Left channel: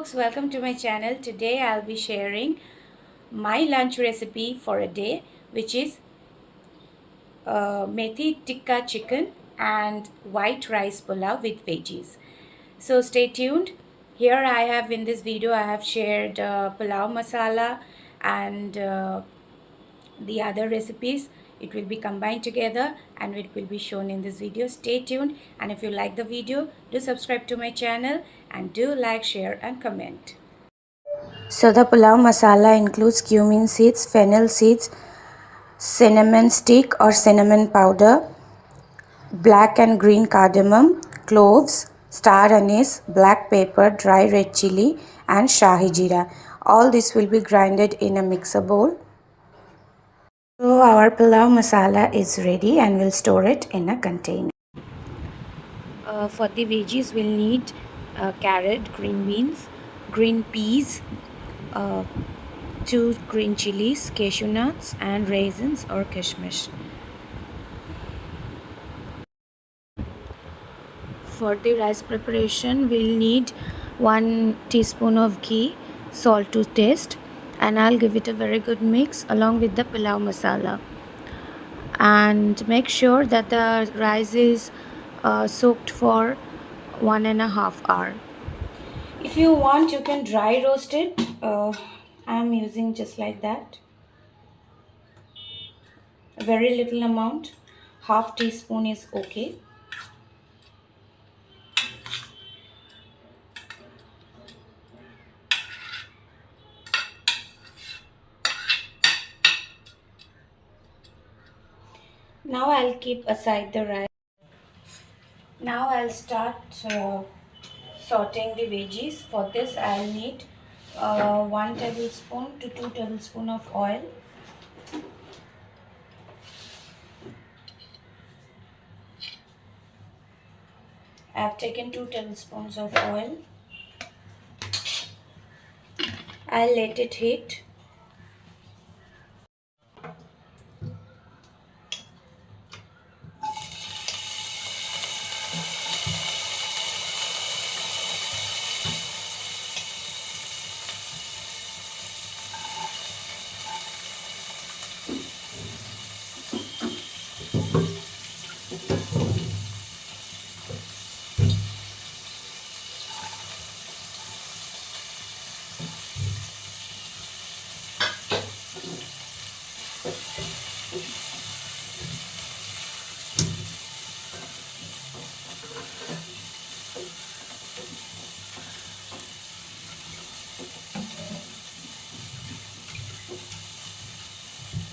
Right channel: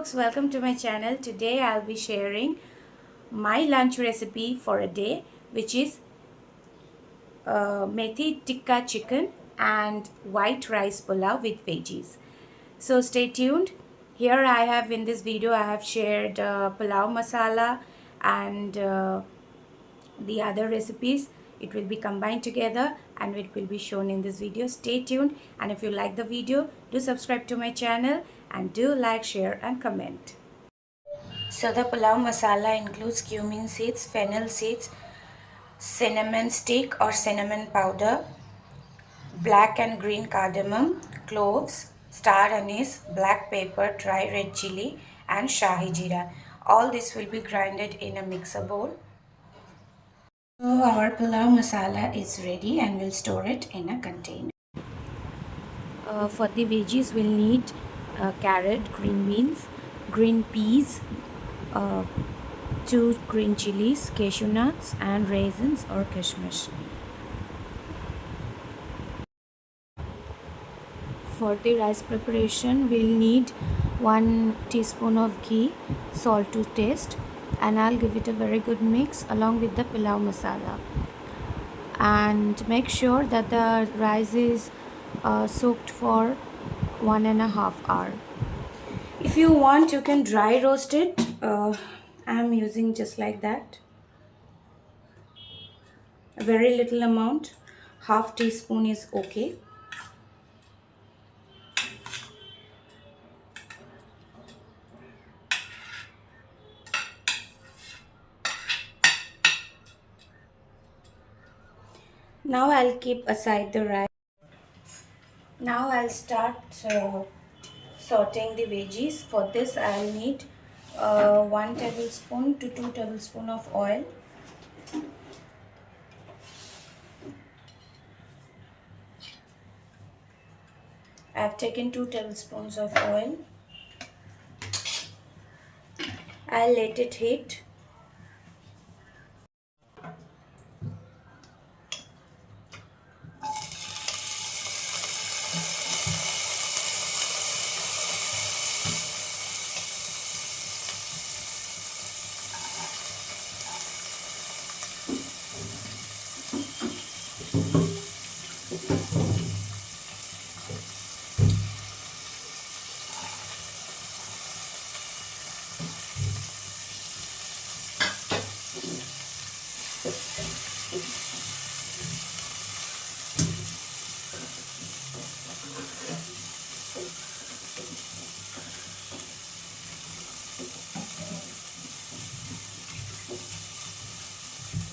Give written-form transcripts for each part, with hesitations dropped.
folks, welcome to my channel. Today I'll be sharing my lunch recipe for a day, which is Methi Tikka chicken and white rice pulao with veggies. So stay tuned. Here I have in this video I have shared pulao masala and the other recipes. It will be combined together and it will be shown in this video. Stay tuned, and if you like the video, do subscribe to my channel and do like, share and comment. So the pulao masala includes cumin seeds, fennel seeds, cinnamon stick or cinnamon powder, black and green cardamom, cloves, star anise, black pepper, dry red chili and shahi jeera. All this will be grinded in a mixer bowl. So our pulao masala is ready and we'll store it in a container. For the veggies we'll need carrot, green beans, green peas, 2 green chilies, cashew nuts and raisins or kishmish. For the rice preparation we'll need 1 teaspoon of ghee, salt to taste, and I'll give it a very good mix along with the pulao masala. And make sure that the rice is soaked for 1.5 hours. If you want, you can dry roast it. I'm using just like that. A very little amount, half teaspoon is okay. Now I'll keep aside the rice. Now I'll start sauteing the veggies. For this I'll need 1 tablespoon to 2 tablespoons of oil. I've taken 2 tablespoons of oil. I'll let it heat.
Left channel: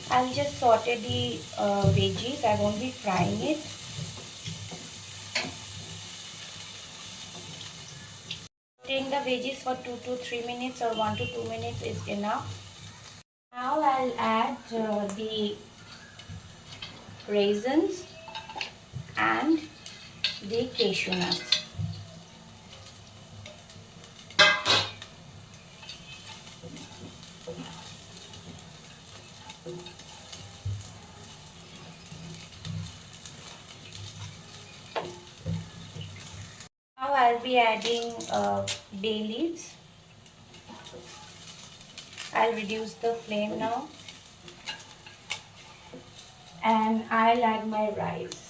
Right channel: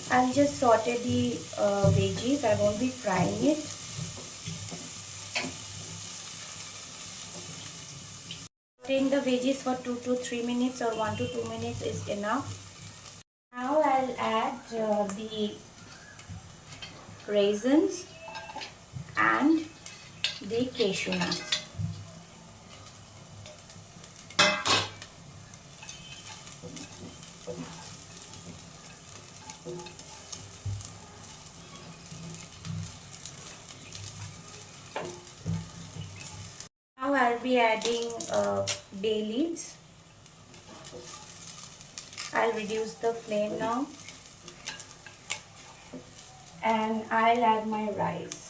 I'll just saute the veggies. I won't be frying it. Sauteing the veggies for 2 to 3 minutes or 1 to 2 minutes is enough. Now I'll add the raisins and the cashew nuts. Now I'll be adding bay leaves. I'll reduce the flame now and I'll add my rice.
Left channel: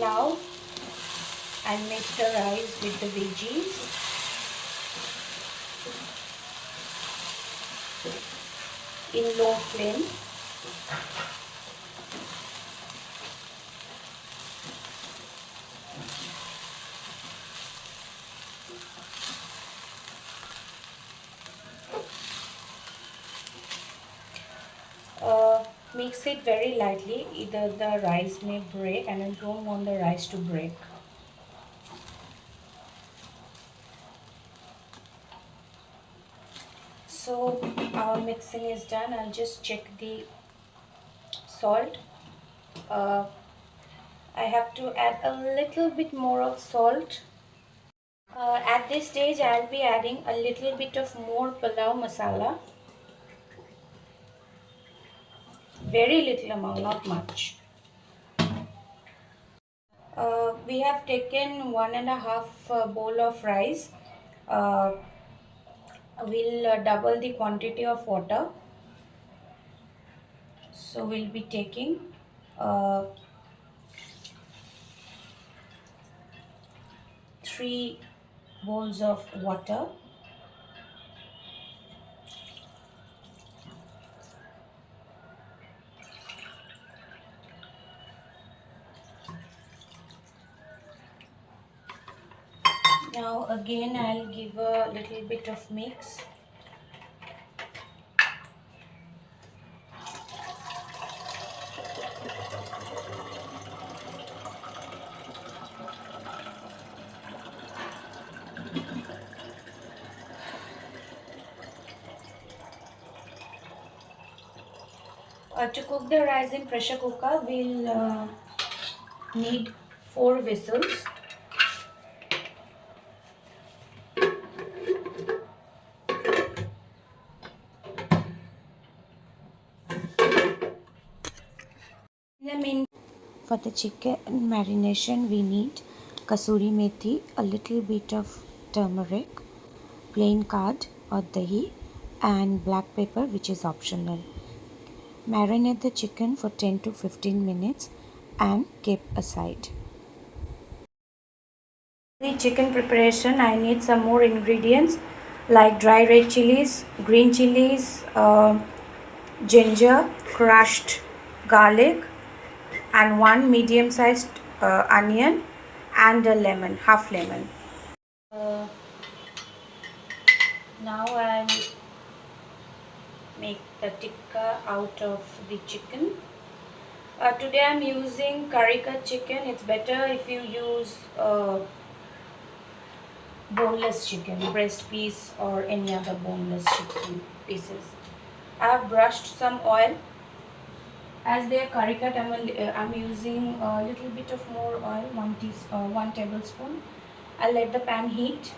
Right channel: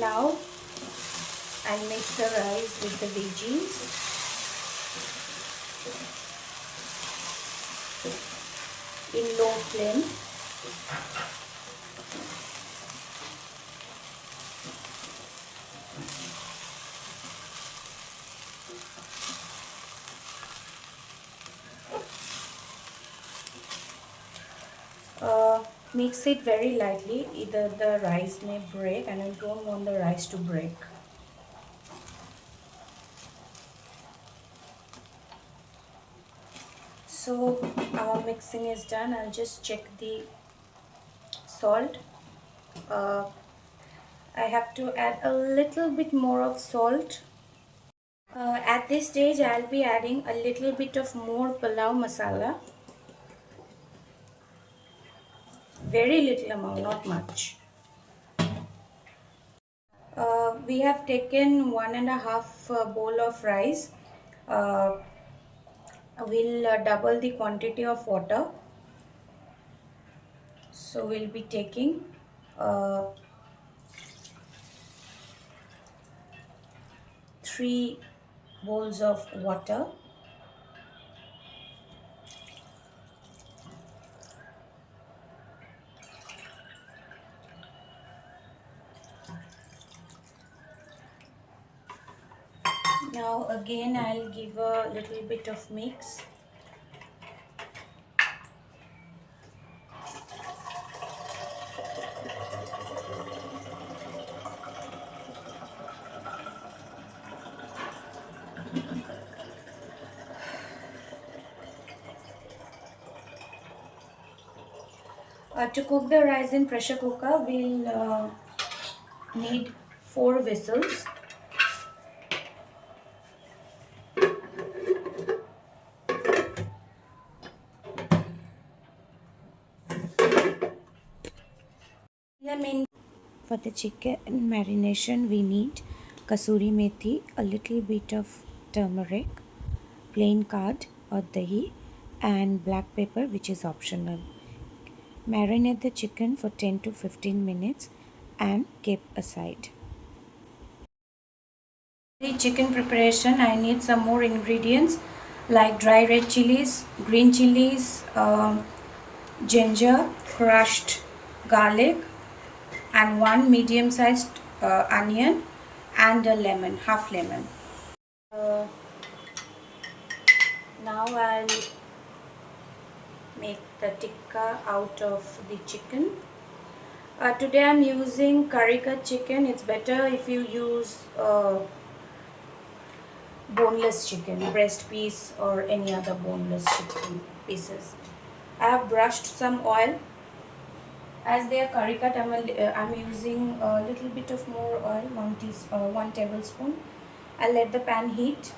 Now I'll mix the rice with the veggies. In low flame. Mix it very lightly, either the rice may break and I don't want the rice to break. So our mixing is done. I'll just check the salt. I have to add a little bit more of salt. At this stage I'll be adding a little bit of more palau masala. Very little amount, not much. We have taken 1.5 bowl of rice. We'll double the quantity of water. So we'll be taking uh, 3 bowls of water. Now again I'll give a little bit of mix. To cook the rice in pressure cooker, we'll need 4 whistles. For the chicken marination, we need kasuri methi, a little bit of turmeric, plain curd or dahi, and black pepper, which is optional. Marinate the chicken for 10 to 15 minutes and keep aside. The chicken preparation, I need some more ingredients like dry red chilies, green chilies, ginger, crushed garlic, and 1 medium-sized onion, and a lemon, half lemon. Now I'll make the tikka out of the chicken. Today I'm using curry cut chicken. It's better if you use boneless chicken, breast piece or any other boneless chicken pieces. I have brushed some oil. As they are curry cut, I'm using a little bit of more oil, 1 tablespoon. I'll let the pan heat.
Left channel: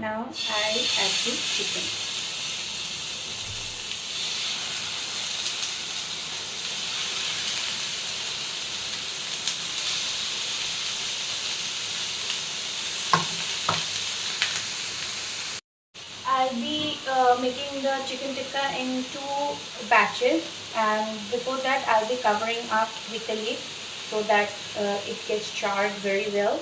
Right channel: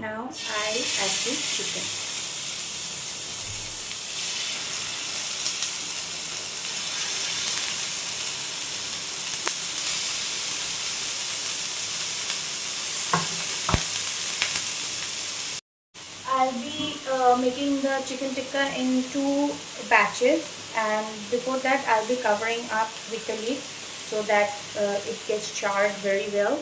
Now I add the chicken. I'll be making the chicken tikka in 2 batches, and before that I'll be covering up with the lid so that it gets charred very well.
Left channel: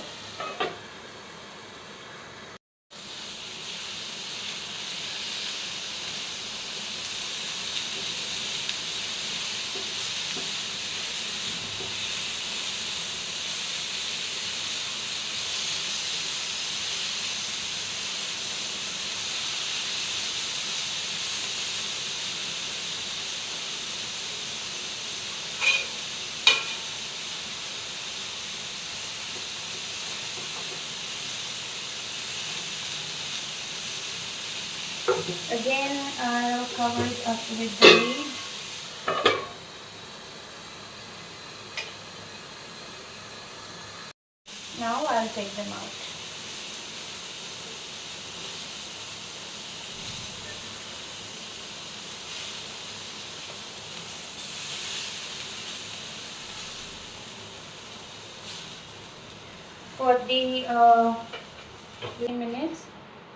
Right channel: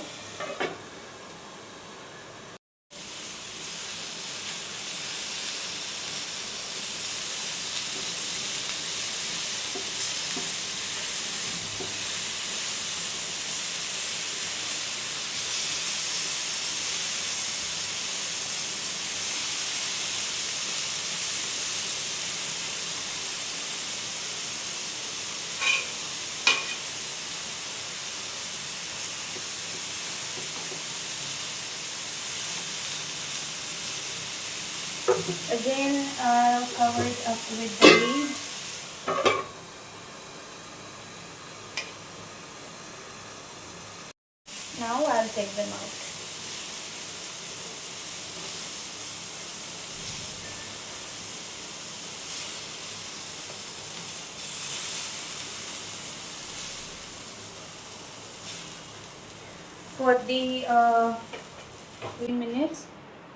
Again, I'll cover it up with the lid. Now I'll take them out. For the 3 minutes,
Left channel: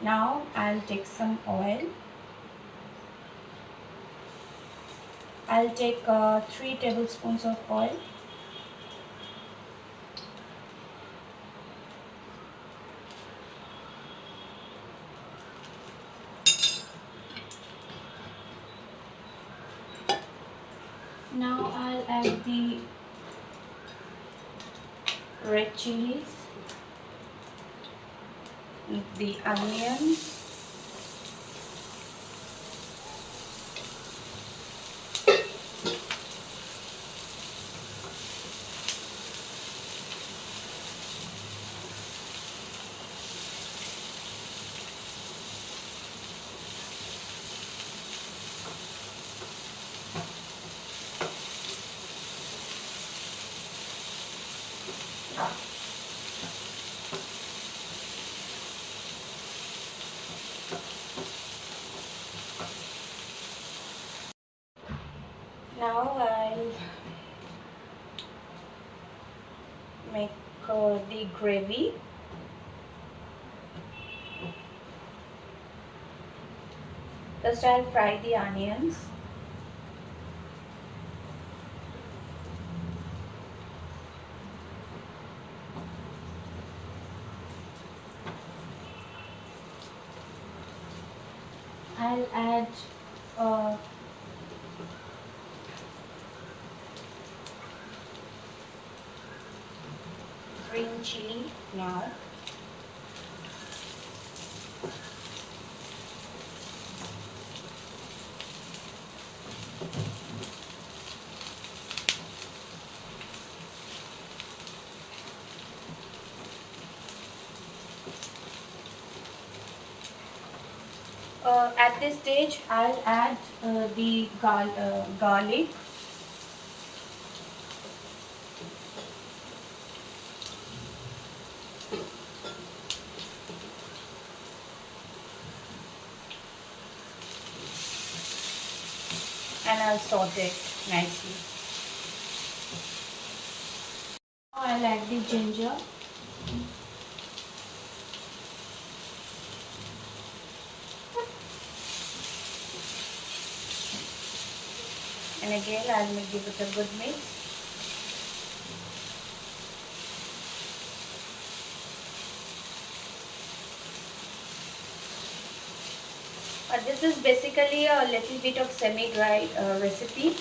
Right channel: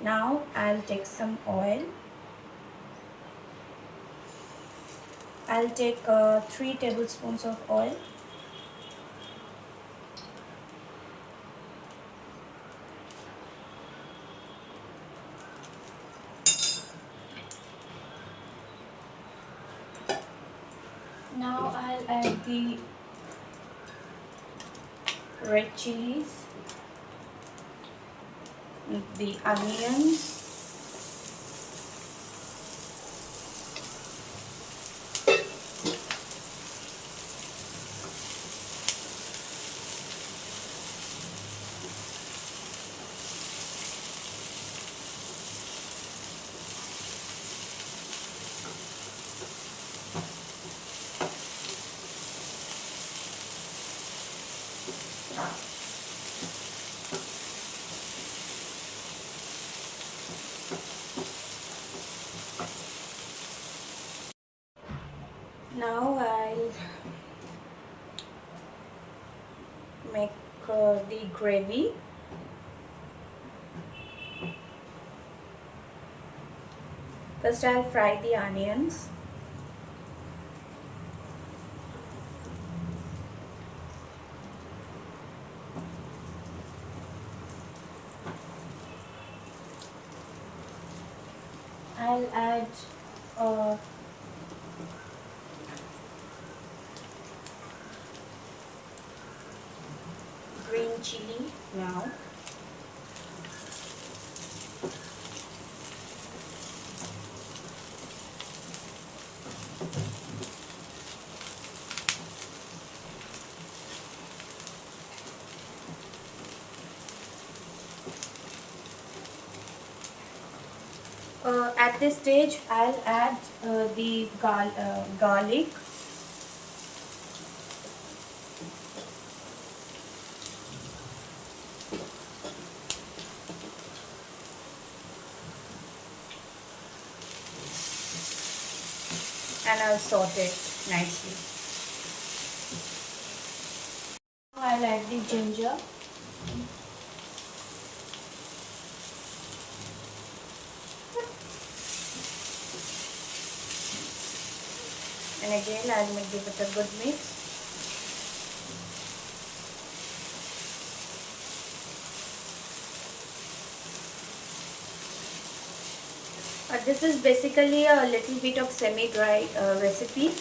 now I'll take some oil. I'll take 3 tablespoons of oil. Now I'll add the red chilies, the onions, gravy. First I'll fry the onions. I'll add green chili now. At this stage, I'll add the garlic. And I'll saute it nicely. Now I'll add the ginger. And again I'll give it a good mix. This is basically a little bit of semi-dry recipe.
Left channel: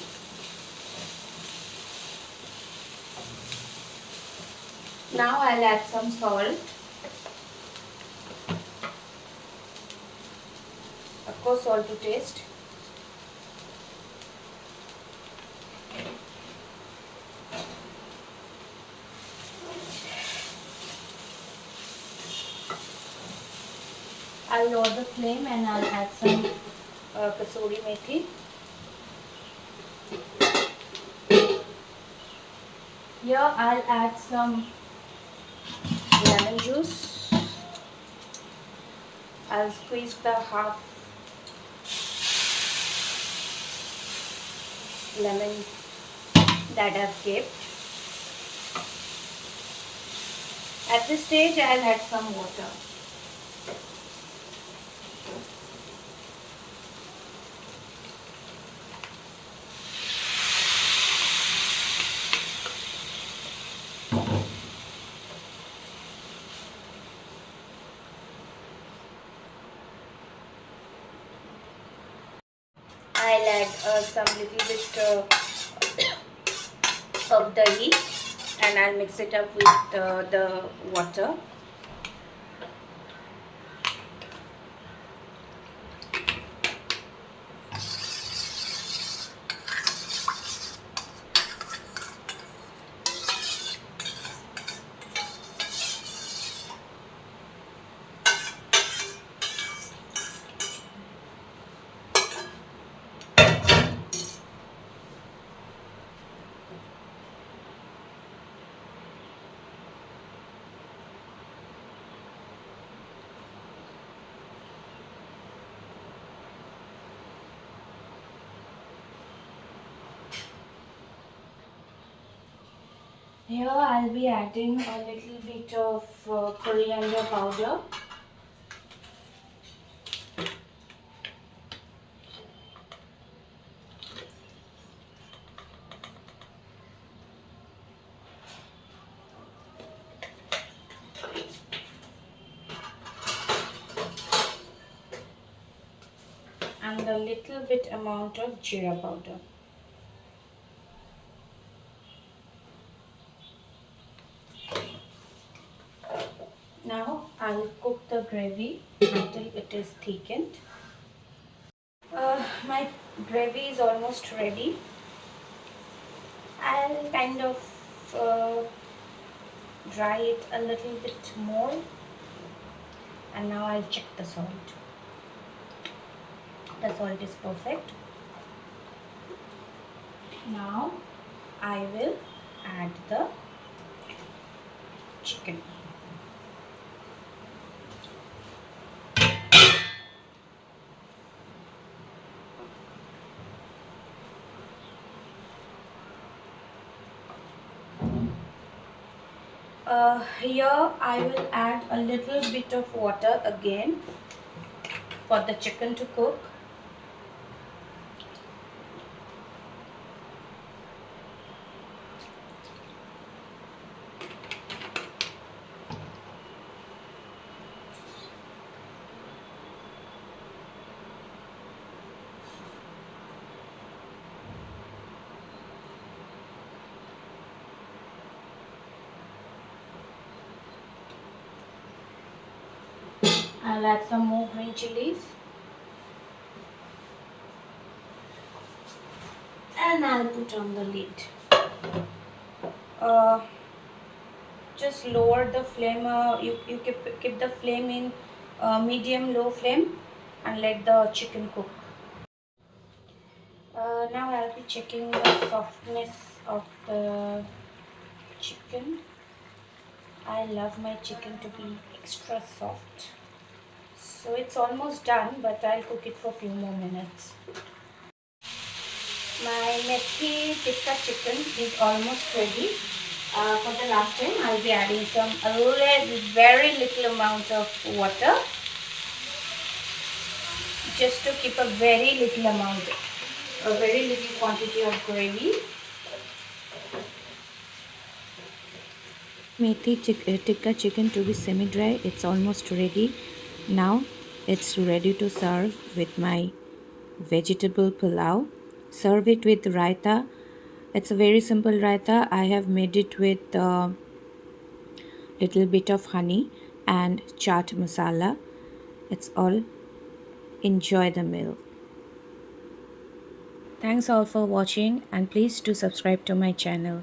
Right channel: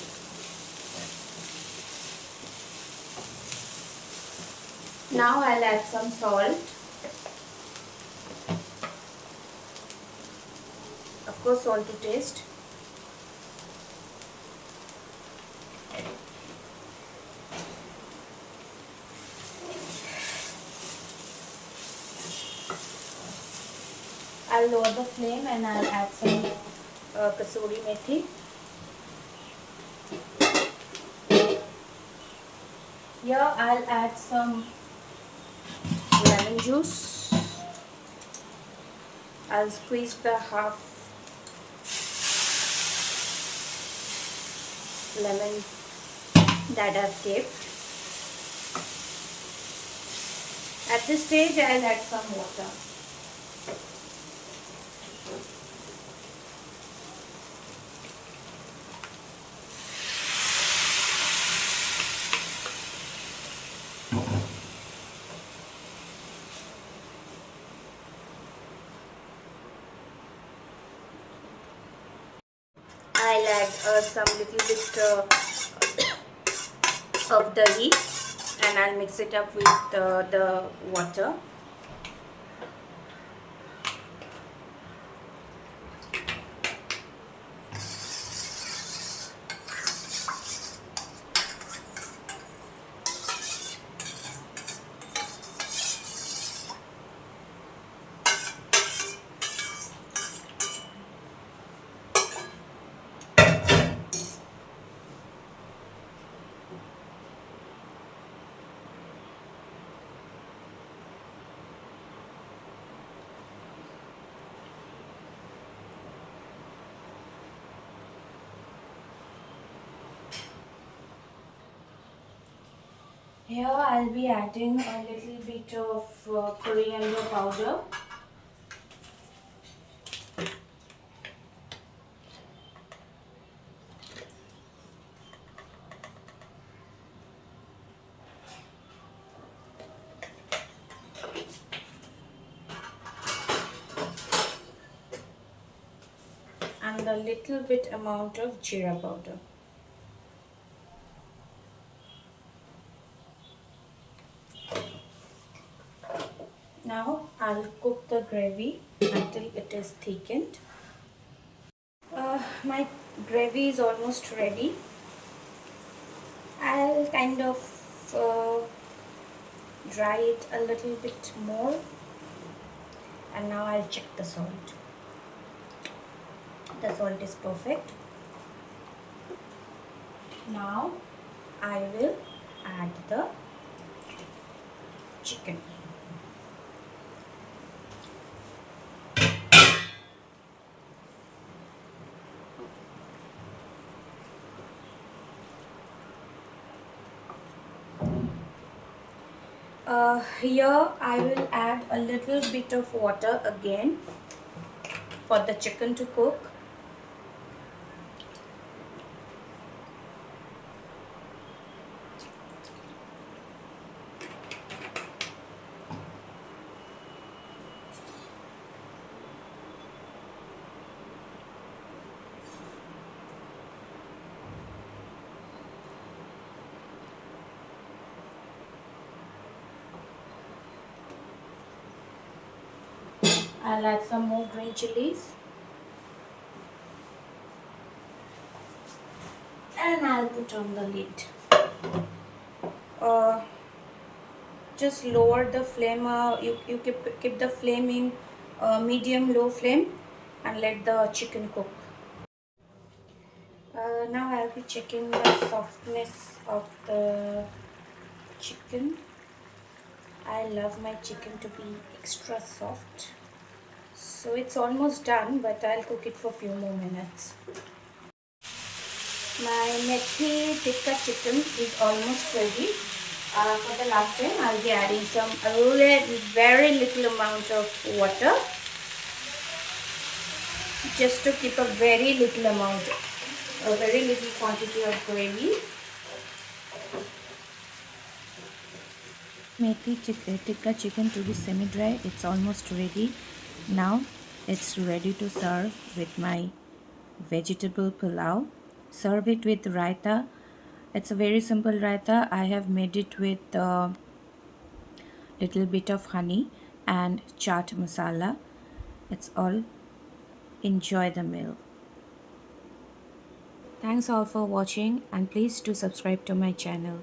Now I'll add some salt. Of course, salt to taste. I'll lower the flame and I'll add some Kasuri Methi. Here I'll add some lemon juice. I'll squeeze the half lemon that I've kept. At this stage I'll add some water. I'll add some little bit of dahi and I'll mix it up with the water. Here I'll be adding a little bit of coriander powder. And a little bit amount of jeera powder. Now I'll cook the gravy until it is thickened. My gravy is almost ready. I'll kind of dry it a little bit more, and now I'll check the salt. The salt is perfect. Now I will add the chicken. Here I will add a little bit of water again for the chicken to cook. I'll add some more green chilies. And I'll put on the lid. Uh, just lower the flame. You keep the flame in medium low flame and let the chicken cook. Now I'll be checking the softness of the chicken. I love my chicken to be extra soft. So it's almost done, but I'll cook it for a few more minutes. My Methi Tikka chicken is almost ready. For the last time, I'll be adding some very little amount of water, just to keep a very little amount, a very little quantity of gravy. Tikka chicken to be semi-dry. It's almost ready. Now it's ready to serve with my vegetable pulao. Serve it with raita. It's a very simple raita. I have made it with little bit of honey and chaat masala. It's all. Enjoy the meal. Thanks all for watching, and please do subscribe to my channel.